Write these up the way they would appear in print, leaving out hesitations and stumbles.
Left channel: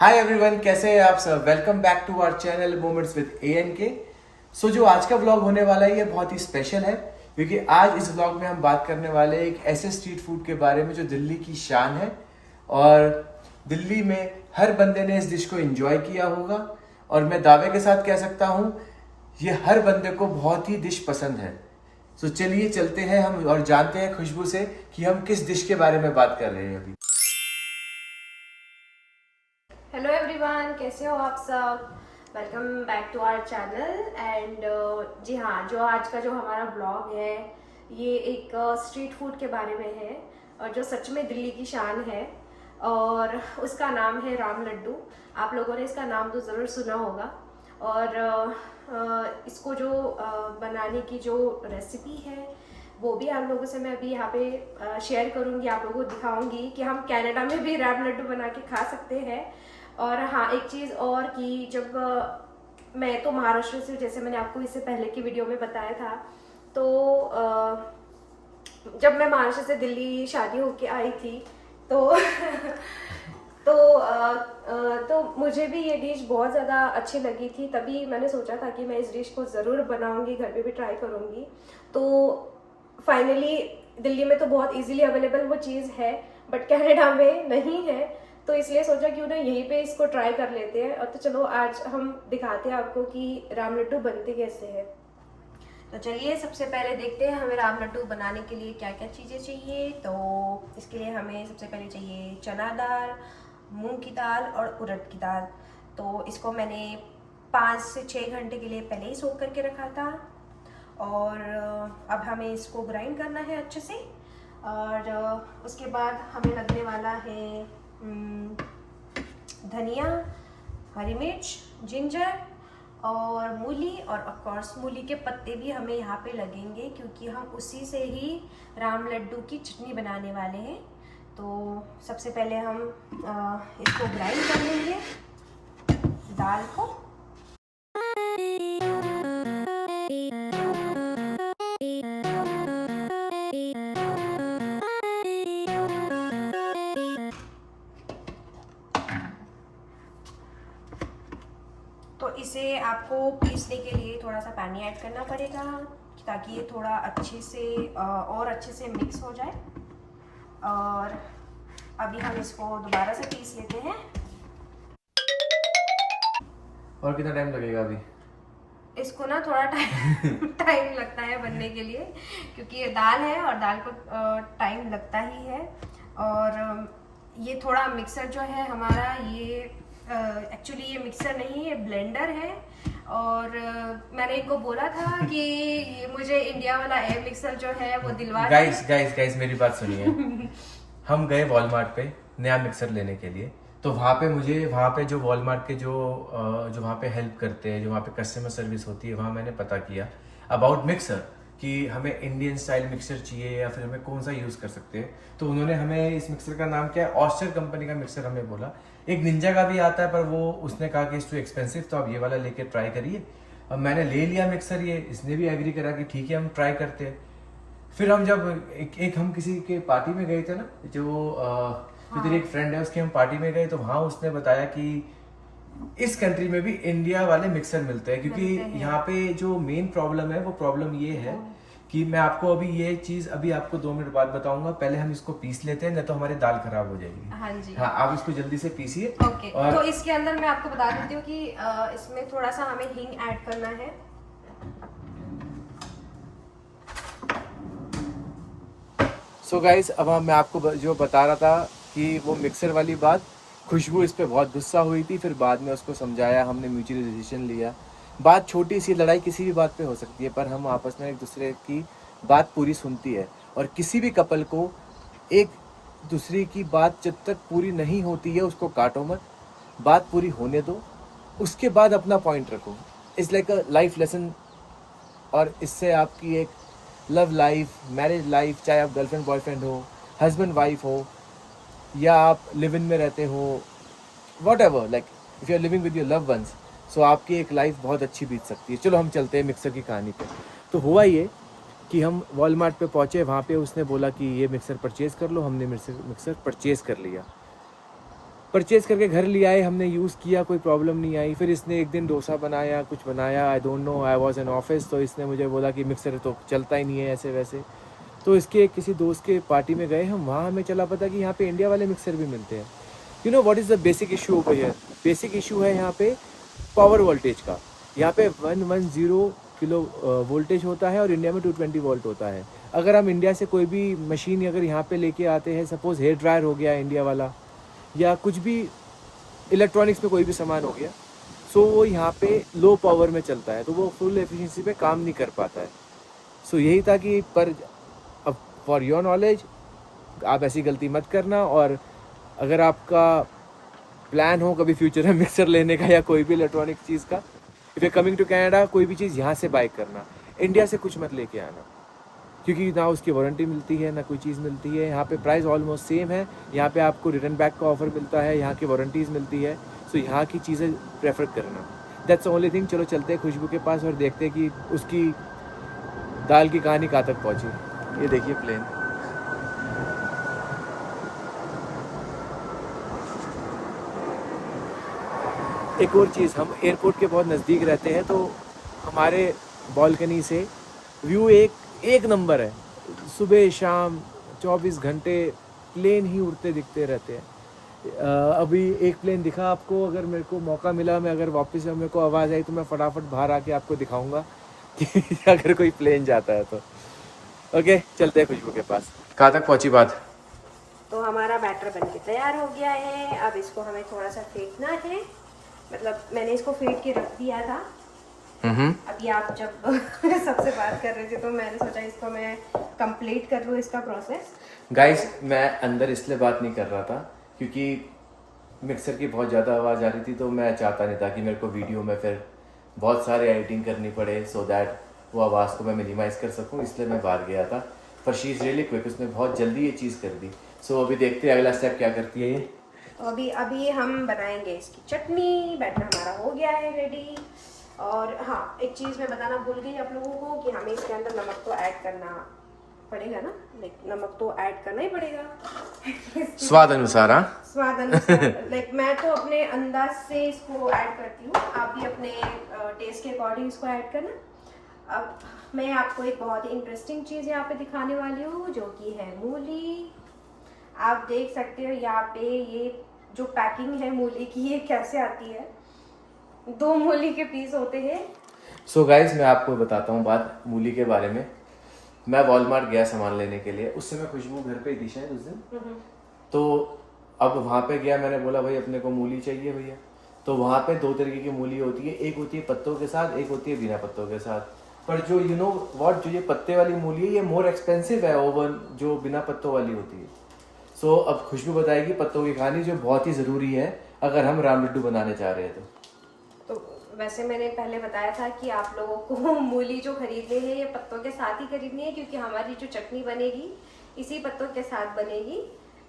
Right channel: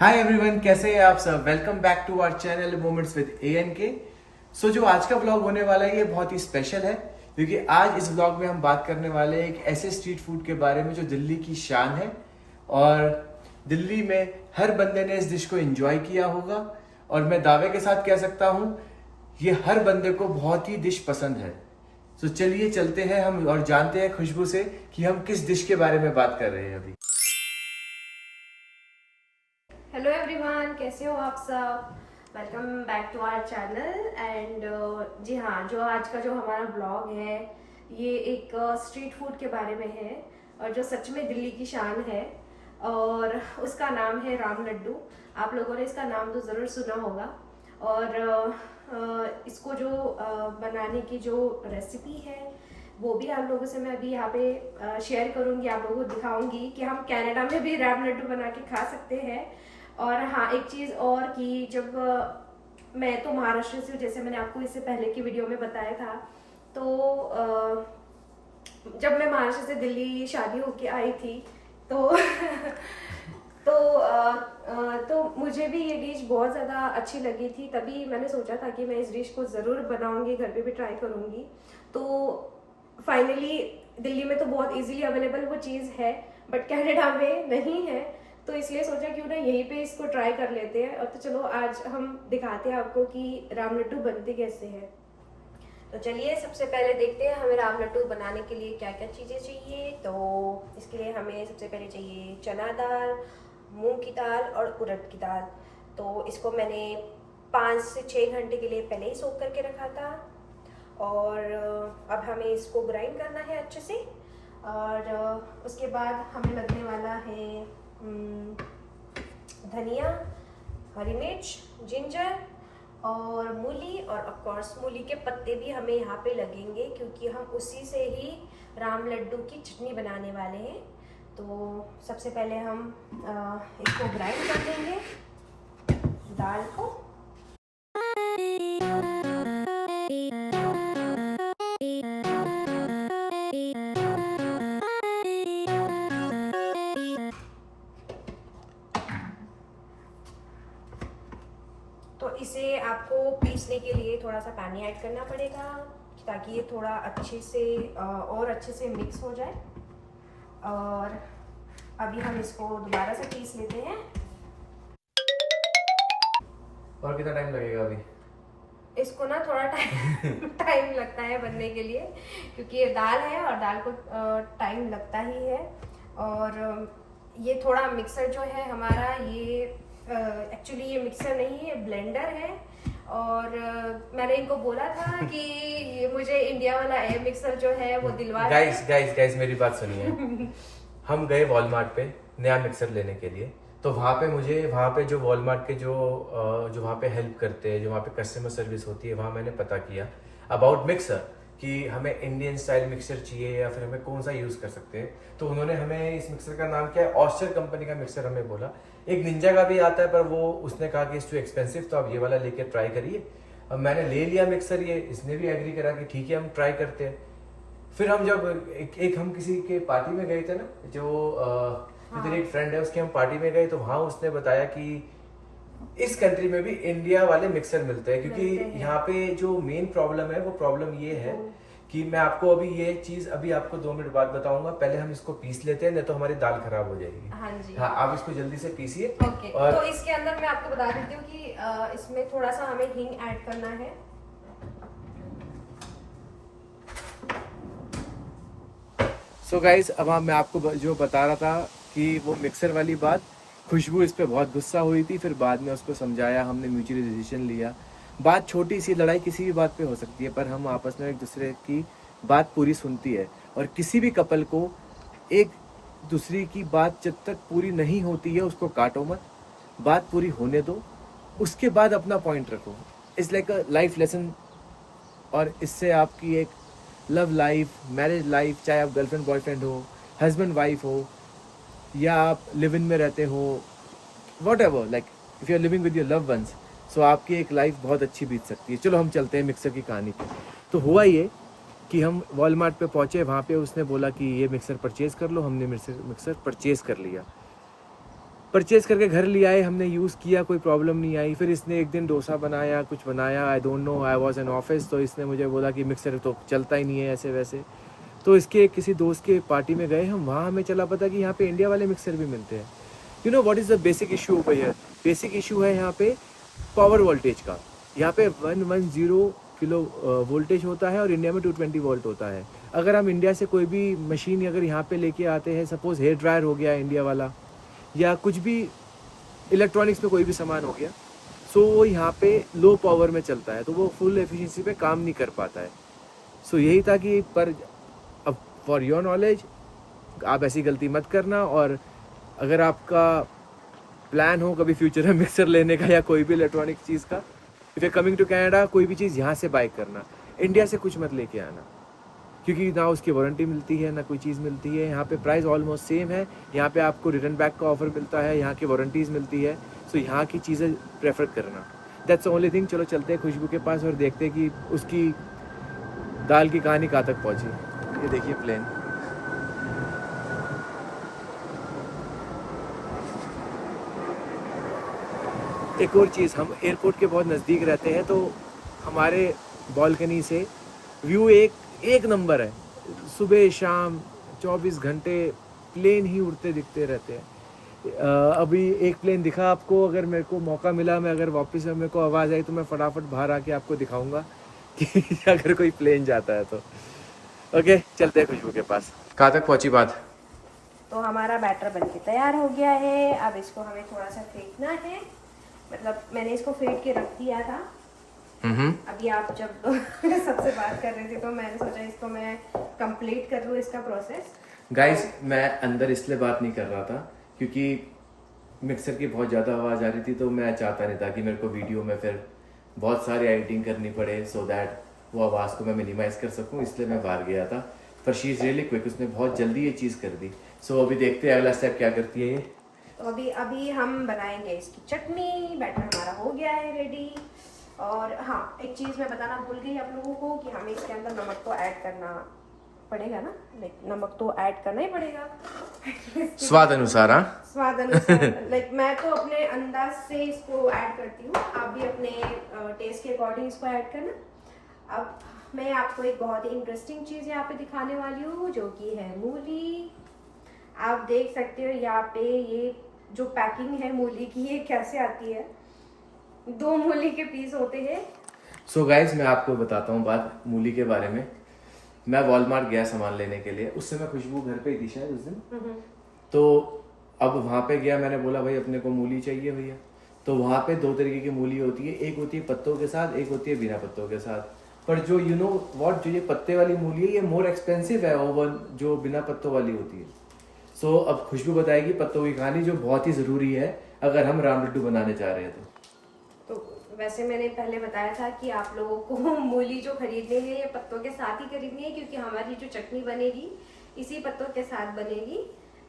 Hi everyone, कैसे हैं आप सब। Welcome back to our channel moments with ANK। जो आज का व्लॉग होने वाला है ये बहुत ही स्पेशल है, क्योंकि आज इस व्लॉग में हम बात करने वाले हैं एक ऐसे स्ट्रीट फूड के बारे में जो दिल्ली की शान है और दिल्ली में हर बंदे ने इस डिश को एंजॉय किया होगा। और मैं दावे के साथ कह सकता हूँ ये हर बंदे को बहुत ही डिश पसंद है। तो चलिए चलते हैं हम और जानते हैं खुशबू से कि हम किस डिश के बारे में बात कर रहे हैं अभी। हेलो एवरीवन, कैसे हो आप सब। Welcome back to our channel and जी हाँ, जो आज का जो हमारा ब्लॉग है ये एक स्ट्रीट फूड के बारे में है और जो सच में दिल्ली की शान है और उसका नाम है राम लड्डू। आप लोगों ने इसका नाम तो ज़रूर सुना होगा और इसको जो बनाने की जो रेसिपी है वो भी आप लोगों से मैं अभी यहाँ पे शेयर करूँगी, आप लोगों को दिखाऊंगी कि हम कनाडा में भी राम लड्डू बना के खा सकते हैं। और हाँ, एक चीज़ और कि जब मैं तो महाराष्ट्र से, जैसे मैंने आपको इससे पहले की वीडियो में बताया था, तो जब मैं महाराष्ट्र से दिल्ली शादी होके आई थी तो तो मुझे भी ये डिश बहुत ज़्यादा अच्छी लगी थी। तभी मैंने सोचा था कि मैं इस डिश को ज़रूर बनाऊंगी, घर पे भी ट्राई करूंगी। तो फाइनली दिल्ली में तो बहुत इजीली अवेलेबल वो चीज़ है, बट कनाडा में नहीं है, तो इसलिए सोचा क्यों ना यहीं पे इसको ट्राई कर लेते हैं। और तो चलो आज हम दिखाते हैं आपको कि राम लड्डू बनते कैसे हैं। तो चलिए सबसे पहले देखते हैं हमें राम लड्डू बनाने के लिए क्या क्या चीज़ें चाहिए। तो इसके लिए हमें सबसे पहले चाहिए चना दाल, मूंग की दाल और उड़द की दाल। तो इसको मैंने 5 से 6 घंटे के लिए पहले ही सोख करके रखा था और अब हमें इसको ग्राइंड करना है अच्छे से। और उसके बाद हमें लगने वाला है धनिया, हरी मिर्च, जिंजर और मूली, और ऑफ कोर्स मूली के पत्ते भी हमें यहाँ पे लगेंगे क्योंकि हम उसी से ही राम लड्डू की चटनी बनाने वाले हैं। तो सबसे पहले हम इसको ग्राइंड कर लेंगे दाल को। तो इसे आपको पीसने के लिए थोड़ा सा पानी ऐड करना पड़ेगा ताकि ये थोड़ा अच्छे से और अच्छे से मिक्स हो जाए। और अभी हम इसको दोबारा से पीस लेते हैं। और कितना टाइम लगेगा अभी? इसको ना थोड़ा टाइम लगता है बनने के लिए क्योंकि ये दाल है और दाल को टाइम लगता ही है। और ये थोड़ा मिक्सर जो है हमारा, ये एक्चुअली ये मिक्सर नहीं है, ब्लेंडर है। और मैंने इनको बोला था कि ये मुझे इंडिया वाला एयर मिक्सर जो है वो दिलवा दे। गाइस मेरी बात सुनिए। हम गए वॉलमार्ट पे नया मिक्सर लेने के लिए, तो वहाँ पे जो वॉलमार्ट के जो वहाँ पे हेल्प करते हैं, जो वहाँ पे कस्टमर सर्विस होती है, वहाँ मैंने पता किया अबाउट मिक्सर कि हमें इंडियन स्टाइल मिक्सर चाहिए या फिर हमें कौन सा यूज़ कर सकते हैं। तो उन्होंने हमें इस मिक्सर का नाम क्या है, ऑस्टर कंपनी का मिक्सर हमें बोला। एक निंजा का भी आता है पर वो उसने कहा कि इट्स टू एक्सपेंसिव, तो आप ये वाला लेके ट्राई करिए। और मैंने ले लिया मिक्सर, ये इसने भी एग्री करा कि ठीक है हम ट्राई करते हैं। फिर हम जब हम किसी के पार्टी में गए थे ना, जो तेरी एक फ्रेंड है उसकी हम पार्टी में गए, तो वहाँ उसने बताया कि इस कंट्री में भी इंडिया वाले मिक्सर मिलते हैं, क्योंकि यहाँ पे जो मेन प्रॉब्लम है वो प्रॉब्लम ये है कि मैं आपको अभी ये चीज अभी आपको 2 मिनट बाद बताऊंगा। पहले हम इसको पीस लेते हैं, नहीं तो हमारी दाल खराब हो जाएगी। हाँ जी, हाँ, आप इसको जल्दी से पीसिए। ओके। और तो इसके अंदर मैं आपको बता देती हूँ कि इसमें थोड़ा सा हमें हींग ऐड करना है। सो गाइस, अब मैं आपको जो बता रहा था कि वो मिक्सर वाली बात, खुशबू इस पे बहुत गुस्सा हुई थी। फिर बाद में उसको समझाया, हमने म्यूचुअली डिसीजन लिया। बात छोटी सी, लड़ाई किसी भी बात पे हो सकती है, पर हम आपस में एक दूसरे की बात पूरी सुनती है। और किसी भी कपल को एक दूसरे की बात जब तक पूरी नहीं होती है उसको काटो मत, बात पूरी होने दो, उसके बाद अपना पॉइंट रखो। It's like a life lesson. और इससे आपकी एक लव लाइफ, मैरिज लाइफ, चाहे आप गर्लफ्रेंड बॉयफ्रेंड हो, हस्बैंड वाइफ हो, या आप लिव इन में रहते हो, whatever, like if you are living with your love ones, so आपकी एक लाइफ बहुत अच्छी बीत सकती है। चलो हम चलते हैं मिक्सर की कहानी पे। तो हुआ ये कि हम वॉलमार्ट पे पहुंचे, वहाँ पे उसने बोला कि ये मिक्सर परचेज़ कर लो। हमने मिक्सर परचेज़ कर लिया। परचेज करके घर ले आए, हमने यूज़ किया, कोई प्रॉब्लम नहीं आई। फिर इसने एक दिन डोसा बनाया, कुछ बनाया, I don't know, I was in office, तो इसने मुझे बोला कि मिक्सर तो चलता ही नहीं है ऐसे वैसे। तो इसके किसी दोस्त के पार्टी में गए हम, वहाँ हमें चला पता कि यहाँ पे इंडिया वाले मिक्सर भी मिलते हैं। You know what is the basic issue over here? Basic issue है यहाँ पे पावर वोल्टेज का। यहाँ पे 110 किलो वोल्टेज होता है और इंडिया में 220 वोल्ट होता है। अगर हम इंडिया से कोई भी मशीन अगर यहाँ पे लेके आते हैं, सपोज हेयर ड्रायर हो गया इंडिया वाला, या कुछ भी इलेक्ट्रॉनिक्स में कोई भी सामान हो गया, सो वो यहाँ पे लो पावर में चलता है, तो वो फुल एफिशिएंसी पे काम नहीं कर पाता है। सो यही था कि पर अब फॉर योर नॉलेज आप ऐसी गलती मत करना, और अगर आपका प्लान हो कभी फ्यूचर में मिक्सर लेने का या कोई भी इलेक्ट्रॉनिक चीज़ का, if you coming to Canada, कोई भी चीज़ यहाँ से बाय करना, इंडिया से कुछ मत लेके आना, क्योंकि ना उसकी वारंटी मिलती है ना कोई चीज़ मिलती है। यहाँ पे प्राइस ऑलमोस्ट सेम है, यहाँ पे आपको रिटर्न बैक का ऑफर मिलता है, यहाँ की वारंटीज़ मिलती है, सो यहाँ की चीज़ें प्रेफर करना, दैट्स ओनली थिंग। चलो चलते हैं खुशबू के पास और देखते हैं कि उसकी दाल की कहानी कहाँ तक पहुँची। ये देखिए प्लेन, एक और चीज़, हम एयरपोर्ट के बहुत नज़दीक रहते हैं, तो हमारे बालकनी से व्यू एक नंबर है। सुबह शाम 24 घंटे प्लेन ही उड़ते दिखते रहते हैं। अभी एक प्लेन दिखा आपको, अगर मेरे को मौका मिला, मैं अगर वापस मेरे को आवाज़ आई तो मैं फटाफट बाहर आके आपको दिखाऊंगा कि अगर कोई प्लेन जाता है तो। ओके, चलते हैं खुशबू के पास। कहाँ तक पहुँची बात? तो हमारा बैटर बनके तैयार हो गया है। अब इसको हमें थोड़ा सा फेंटना है, मतलब मैंने इसको फेंट के रख दिया था। अभी आप जब सबसे बात कर रहे थे तो मैंने सोचा इसको मैं कंप्लीट कर लूँ इसका प्रोसेस। गाइस, मैं अंदर इसलिए बात नहीं कर रहा था क्योंकि मिक्सर की बहुत ज़्यादा आवाज़ आ रही थी, तो मैं चाहता नहीं था कि मेरे को वीडियो में फिर बहुत सारी एडिटिंग करनी पड़े, सो दैट वो आवाज़ को मैं मिनिमाइज कर सकूं, इसलिए मैं बाहर गया था। पर शी इज़ रियली क्विक, उसने बहुत जल्दी ये चीज़ कर दी। सो अभी देखते हैं अगला स्टेप क्या करती है ये। तो अभी हम बनाएंगे इसकी चटनी। बैटर हमारा हो गया है रेडी। और हाँ, एक चीज़ मैं बताना भूल गई आप लोगों को कि हमें इसके अंदर नमक तो ऐड करना पड़ेगा ना, लाइक नमक तो ऐड करना ही पड़ेगा स्वाद अनुसार। हाँ, स्वाद अनुसार। लाइक मैं तो अपने अंदाज से इसको ऐड करती हूँ, आप भी अपने टेस्ट के अकॉर्डिंग इसको ऐड करना। अब मैं आपको एक बहुत ही इंटरेस्टिंग चीज़ यहाँ पे दिखाने वाली हूँ, जो कि है मूली। आप देख सकते हो यहाँ पे ये जो पैकिंग है मूली की, ये कैसे आती है। 2 मूली के पीस होते हैं। सो गाइज, मैं आपको बताता हूँ बात मूली के बारे में। मैं वॉलमार्ट गया सामान लेने के लिए, उस समय खुशबू घर पे ही थी शायद उस दिन। तो अब वहाँ पे गया, मैंने बोला भाई अपने को मूली चाहिए भैया। तो वहाँ पे 2 तरीके की मूली होती है, एक होती है पत्तों के साथ, एक होती है बिना पत्तों के साथ। पर जो यू नो व्हाट, जो ये पत्ते वाली मूली है ये मोर एक्सपेंसिव है ओवन जो बिना पत्तों वाली होती है। सो अब खुशबू बताएगी पत्तों की कहानी, जो बहुत ही ज़रूरी है अगर हम राम लड्डू बनाने चाह रहे हैं तो वैसे मैंने पहले बताया था कि आप लोगों को मूली जो खरीदनी है ये पत्तों के साथ ही खरीदनी है, क्योंकि हमारी जो चटनी बनेगी इसी पत्तों के साथ बनेगी।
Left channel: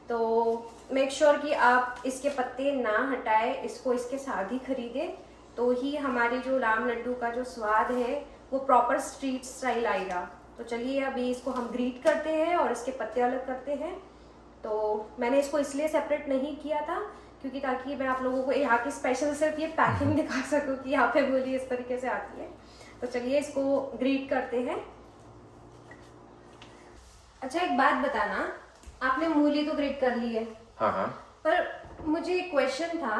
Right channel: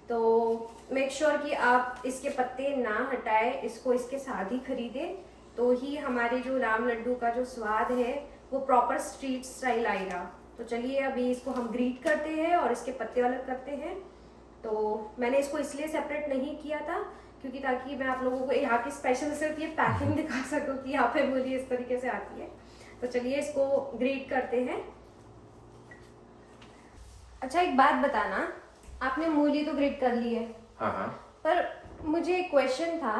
तो मेक श्योर कि आप इसके पत्ते ना हटाए, इसको इसके साथ ही खरीदें, तो ही हमारे जो राम लड्डू का जो स्वाद है वो प्रॉपर स्ट्रीट स्टाइल आएगा। तो चलिए अभी इसको हम ग्रीट करते हैं और इसके पत्ते अलग करते हैं। तो मैंने इसको इसलिए सेपरेट नहीं किया था क्योंकि ताकि मैं आप लोगों को यहाँ की स्पेशल सिर्फ ये पैकिंग दिखा सकूँ कि यहाँ पे मूली इस तरीके से आती है। तो चलिए इसको ग्रीट करते हैं। अच्छा, एक बात बताना, आपने मूली तो ग्रीट कर ली है, हाँ, पर मुझे एक क्वेश्चन था।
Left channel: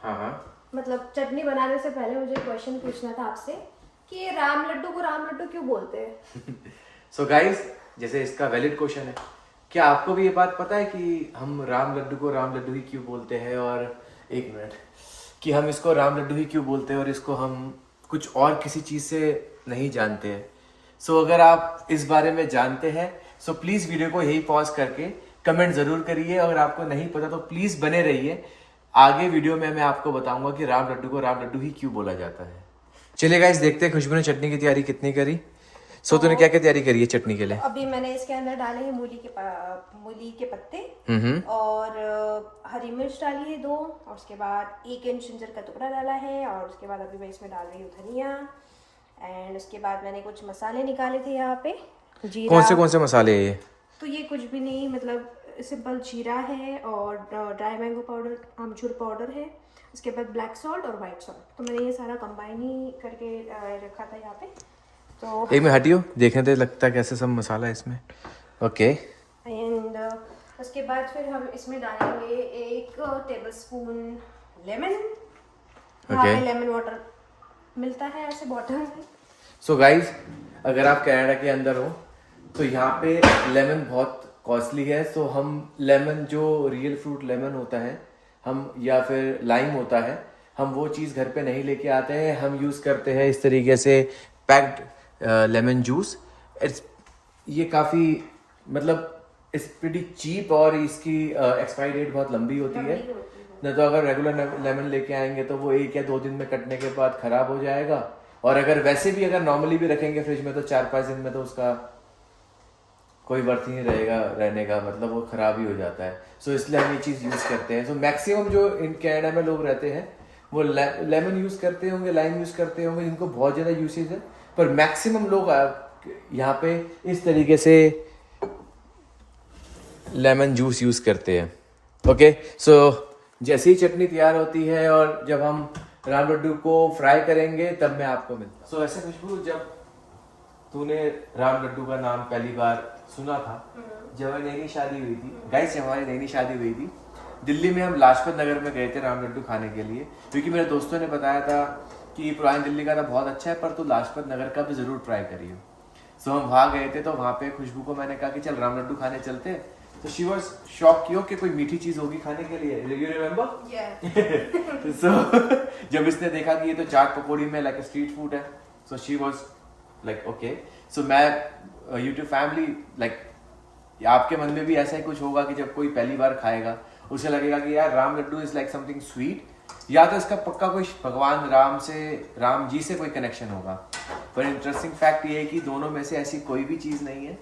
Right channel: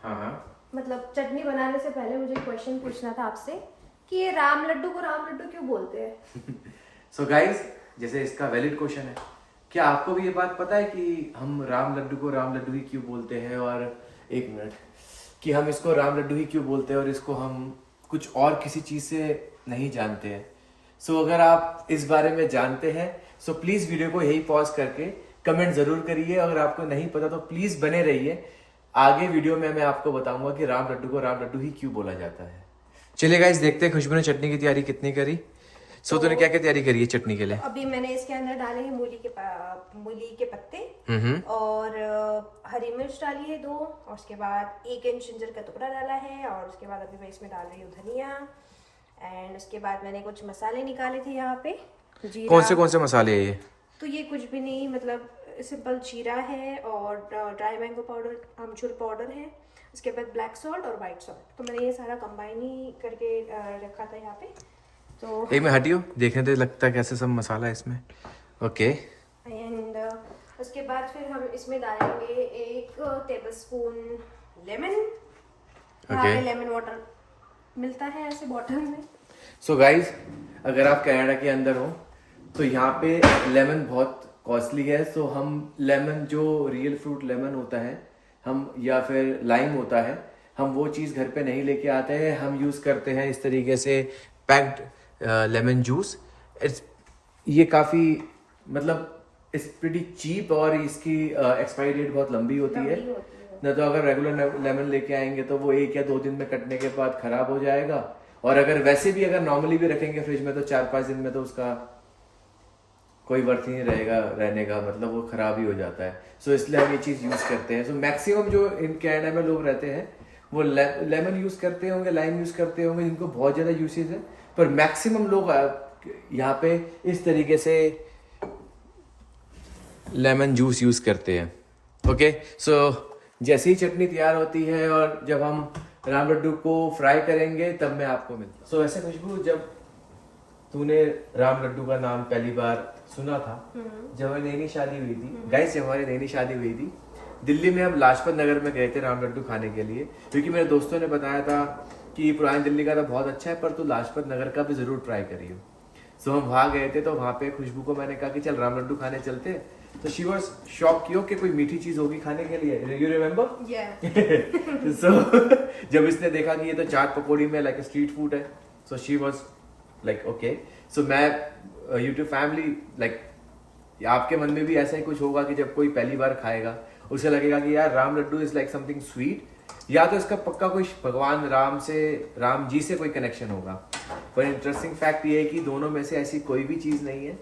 हाँ, मतलब चटनी बनाने से पहले मुझे एक क्वेश्चन पूछना था आपसे कि ये राम लड्डू को राम लड्डू क्यों बोलते हैं? सो गाइस, जैसे इसका वैलिड क्वेश्चन है, क्या आपको भी ये बात पता है कि हम राम लड्डू को राम लड्डू ही क्यों बोलते हैं? और एक मिनट, कि हम इसको राम लड्डू ही क्यों बोलते हैं और इसको हम कुछ और किसी चीज़ से नहीं जानते हैं? सो अगर आप इस बारे में जानते हैं सो प्लीज़ वीडियो को यही पॉज करके कमेंट ज़रूर करिए। अगर आपको नहीं पता तो प्लीज़ बने रहिए, आगे वीडियो में मैं आपको बताऊंगा कि राम लड्डू को राम लड्डू ही क्यों बोला जाता है। चलिए गाइस, देखते हैं खुशबू ने चटनी की तैयारी कितनी करी। सो तूने क्या क्या तैयारी करी है चटनी के लिए? अभी मैंने इसके अंदर डाले हैं मूली के पत्ते और हरी मिर्च डाली है 2, और उसके बाद 1 इंच जिंजर का टुकड़ा डाला है, और उसके बाद अभी मैं इसमें डाल रही हूँ धनिया। एंड उसके बाद मैंने कुछ मसाले निकाले थे यहाँ पे। कौन से मसाले है ये? तो ये कुछ भी नहीं, मतलब सिंपल जीरा है और ड्राई मैंगो पाउडर, आमचूर पाउडर है, उसके बाद ब्लैक सॉल्ट और वाइट सॉल्ट। तो मैंने ये सारा कंबाइन ही करके रखा था यहाँ पे। तो एक में हटियो, देखने तो लगता है कैसे सब मसाला है इसमें। ओके। एंड उसके बाद फिर हम इसमें डालेंगे 1 टेबलस्पून लेमन। वहाँ पे लेमन वाटर मिलता है ऐसे बॉटल में। सो गाइज, अगर आप कनाडा के अंदर हो तो यहाँ पे लेमन बहुत कॉस्टली है। सो हम लेमन, जो रियल फ्रूट लेमन होता है, हम या फिर लाइम होता है, हम वो चीज़ घर पे नहीं लेके आते हैं। हम यूज़ करते हैं इस तरीके से पैक्ड लेमन जूस। ये काफ़ी मतलब इट्स प्रीटी चीप और इसकी एक्सपायरी डेट बहुत लंबी होती है। न तो अगर रेगुलर लेमन लेके आएंगे तो वो 1 या 2 दिन में कटने के बाद खराब हो जाएगा, और अगर वैसे भी अगर नॉर्मली भी रखेंगे फ्रिज में तो 4-5 दिन में तो उसका कोई वर्थ ही नहीं रहेगा रहने का, मतलब वो खराब ही हो जाता है। सो इसलिए हम ये चीज़ यूज़ करते हैं। सो मैक्सिमम जो इन कनाडा में लोग रहते हैं वो लेमन यूज़ करते होंगे, लाइम यूज़ करते होंगे, जिनको बहुत ज़्यादा यूसेज है। पर मैक्सिमम लोग यहाँ पे इस तरीके से लेमन जूस यूज़ करते हैं। ओके, सो जैसे ही चटनी तैयार होती है और जब हम राम लड्डू को फ्राई करेंगे तब मैं आपको मिलता हूँ। सो ऐसे खुशबू, जब तूने राम लड्डू का नाम पहली बार सुना था, जब हमारी नई शादी हुई थी गाइस, जब हमारी नई शादी हुई थी दिल्ली में, हम लाजपत नगर में गए थे राम लड्डू खाने के लिए, क्योंकि मेरे दोस्तों ने बताया था कि पुरानी दिल्ली का तो बहुत अच्छा है, पर तू लाजपत नगर का भी जरूर ट्राई करियो। सो हम वहाँ गए थे, तो वहाँ पे खुशबू को मैंने कहा कि चल राम लड्डू खाने चलते हैं। तो शी वाज शॉक कि कोई मीठी चीज होगी खाने के लिए। You remember? सो जब इसने देखा कि ये तो चाट पकौड़ी में लाइक स्ट्रीट फूड है, so she was like okay. So मैं यूट्यूब फैमिली लाइक, आपके मन में भी ऐसा ही कुछ होगा कि जब कोई पहली बार खाएगा उसे लगेगा कि यार Ram laddoo is like something sweet, या तो इसका पक्का कोई भगवान राम जी से कोई कनेक्शन होगा। पर इंटरेस्टिंग फैक्ट ये है कि दोनों में से ऐसी कोई भी चीज नहीं है।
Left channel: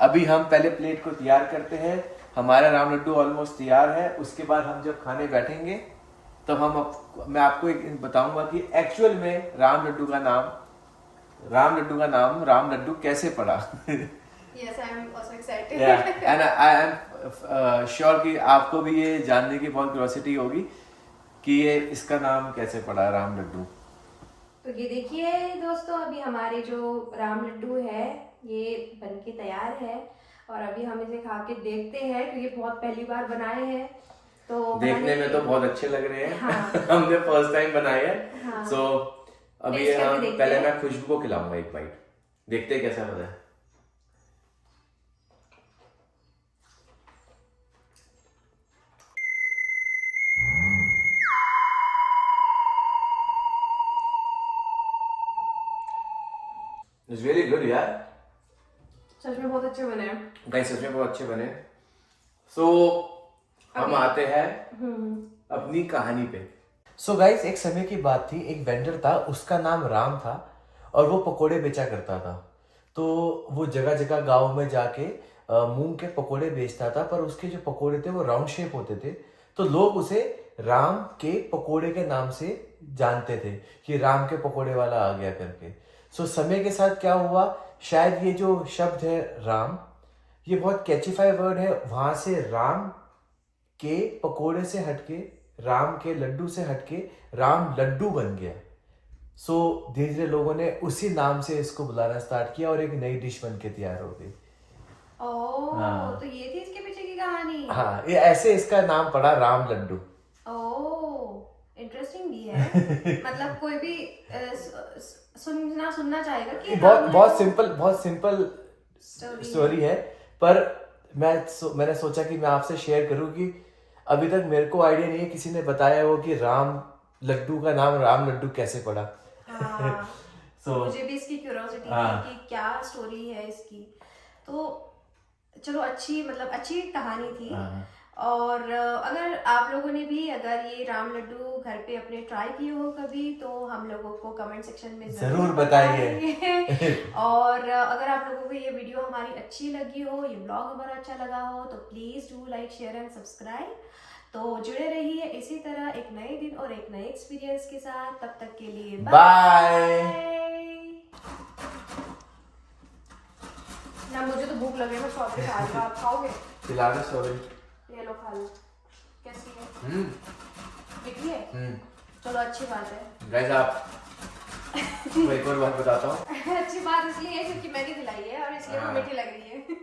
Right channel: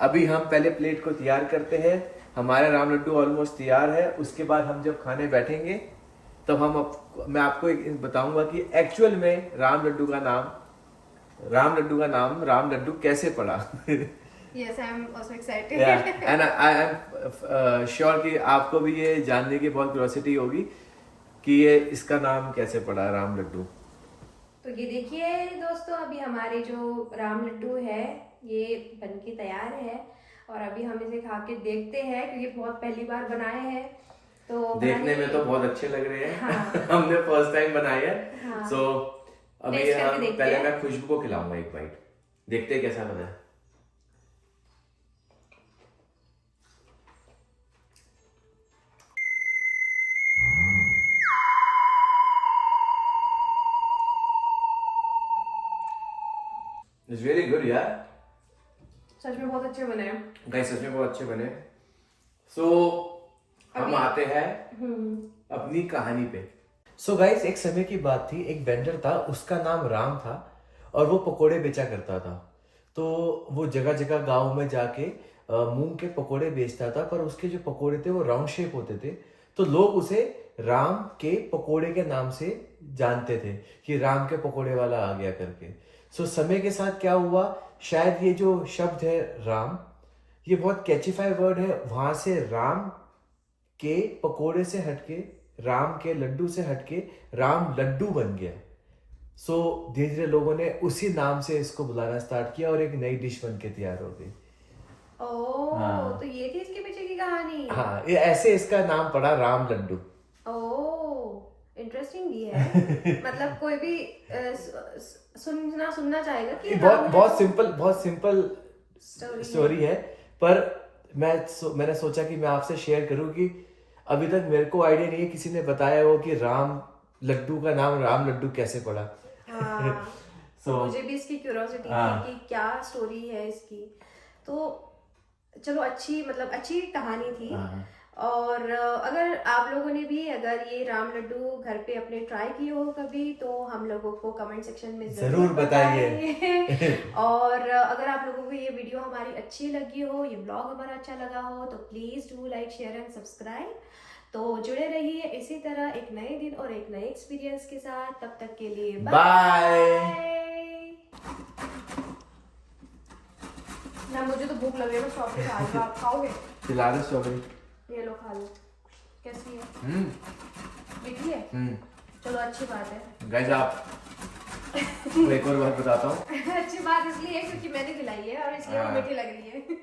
अभी हम पहले प्लेट को तैयार करते हैं। हमारा राम लड्डू ऑलमोस्ट तैयार है। उसके बाद हम जब खाने बैठेंगे तब मैं आपको एक बताऊंगा कि एक्चुअल में राम लड्डू का नाम राम लड्डू कैसे पड़ा। Yes, I'm also excited. And I am sure कि आपको भी ये जानने की बहुत क्यूरियोसिटी होगी कि ये इसका नाम कैसे पड़ा राम लड्डू। तो ये देखिए दोस्तों, अभी हमारे जो राम लड्डू है ये बनके तैयार है, और अभी हम इसे खा के देखते हैं क्योंकि बहुत पहली बार बनाए हैं। तो देखने में तो बहुत अच्छे लग रहे हैं। हाँ। हमने फर्स्ट टाइम बनाए हैं। हाँ। सो अभी टेस्ट करके हम देखते पहले हैं। मैं खुशबू को खिलाऊंगा एक बाइट, देखते हैं कैसा बना है। It's really good यार। सच में बहुत अच्छे बने हैं गाइस, सच में बहुत अच्छे बने। सो हम आते हैं अपनी कहानी पे। सो गाइस, एक समय की बात थी, एक वेंडर था, उसका नाम राम था, और वो पकोड़े बेचा करता था। तो वो जगह जगह गांव में जाके मूंग के पकोड़े बेचता था, पर उसके जो पकोड़े थे वो राउंड शेप होते थे, तो लोग उसे राम के पकोड़े के नाम से जानते थे कि राम के पकोड़े वाला आ गया करके। सो समय के साथ क्या हुआ, शायद ये जो शब्द है राम, ये बहुत कैचिफाई वर्ड है, वहां से राम के पकोड़े से हटके, राम के लड्डू से हटके राम लड्डू बन गया। सो धीरे धीरे लोगों ने उसी नाम से इसको बुलाना स्टार्ट किया और एक नई डिश बन के तैयार हो गई। ओह, हाँ। तो ये थी इसके पीछे की कहानी। हाँ, ये ऐसे इसका नाम पड़ा राम लड्डू। ओह, इंटरेस्टिंग भी है। मतलब कोई भी सुनना चाहेगा कि बहुत सिंपल स्टोरी है, पर मैंने सोचा कि मैं आपसे शेयर करूं कि अभी तक मेरे को आइडिया नहीं है, किसी ने बताया हो कि राम लड्डू का नाम राम लड्डू कैसे पड़ा। हाँ। So, मुझे भी इसकी क्यूरियोसिटी हाँ। थी कि क्या स्टोरी है इसकी। तो चलो, अच्छी कहानी थी। हाँ। और अगर आप लोगों ने भी अगर ये राम लड्डू घर पे अपने ट्राई किए हो कभी, तो हम लोगों को कमेंट सेक्शन में जरूर बताइए। और अगर आप लोगों को ये वीडियो हमारी अच्छी लगी हो, ये ब्लॉग हमारा अच्छा लगा हो, तो please do like, share and subscribe. तो जुड़े रहिए इसी तरह एक नए दिन और एक नए एक्सपीरियंस के साथ। तब तक के लिए बाय। मुझे तो भूख लगे ना स्ट्रॉबेरी खा लो। आप खाओगे? खिला दो स्ट्रॉबेरी। ये लो खा लो। कैसी है? मीठी है? चलो अच्छी बात है। गाइस आप मैं एक और बात बताता हूँ। अच्छी बात इसलिए है क्योंकि मैंने खिलाई है और इसलिए वो मीठी लग रही है।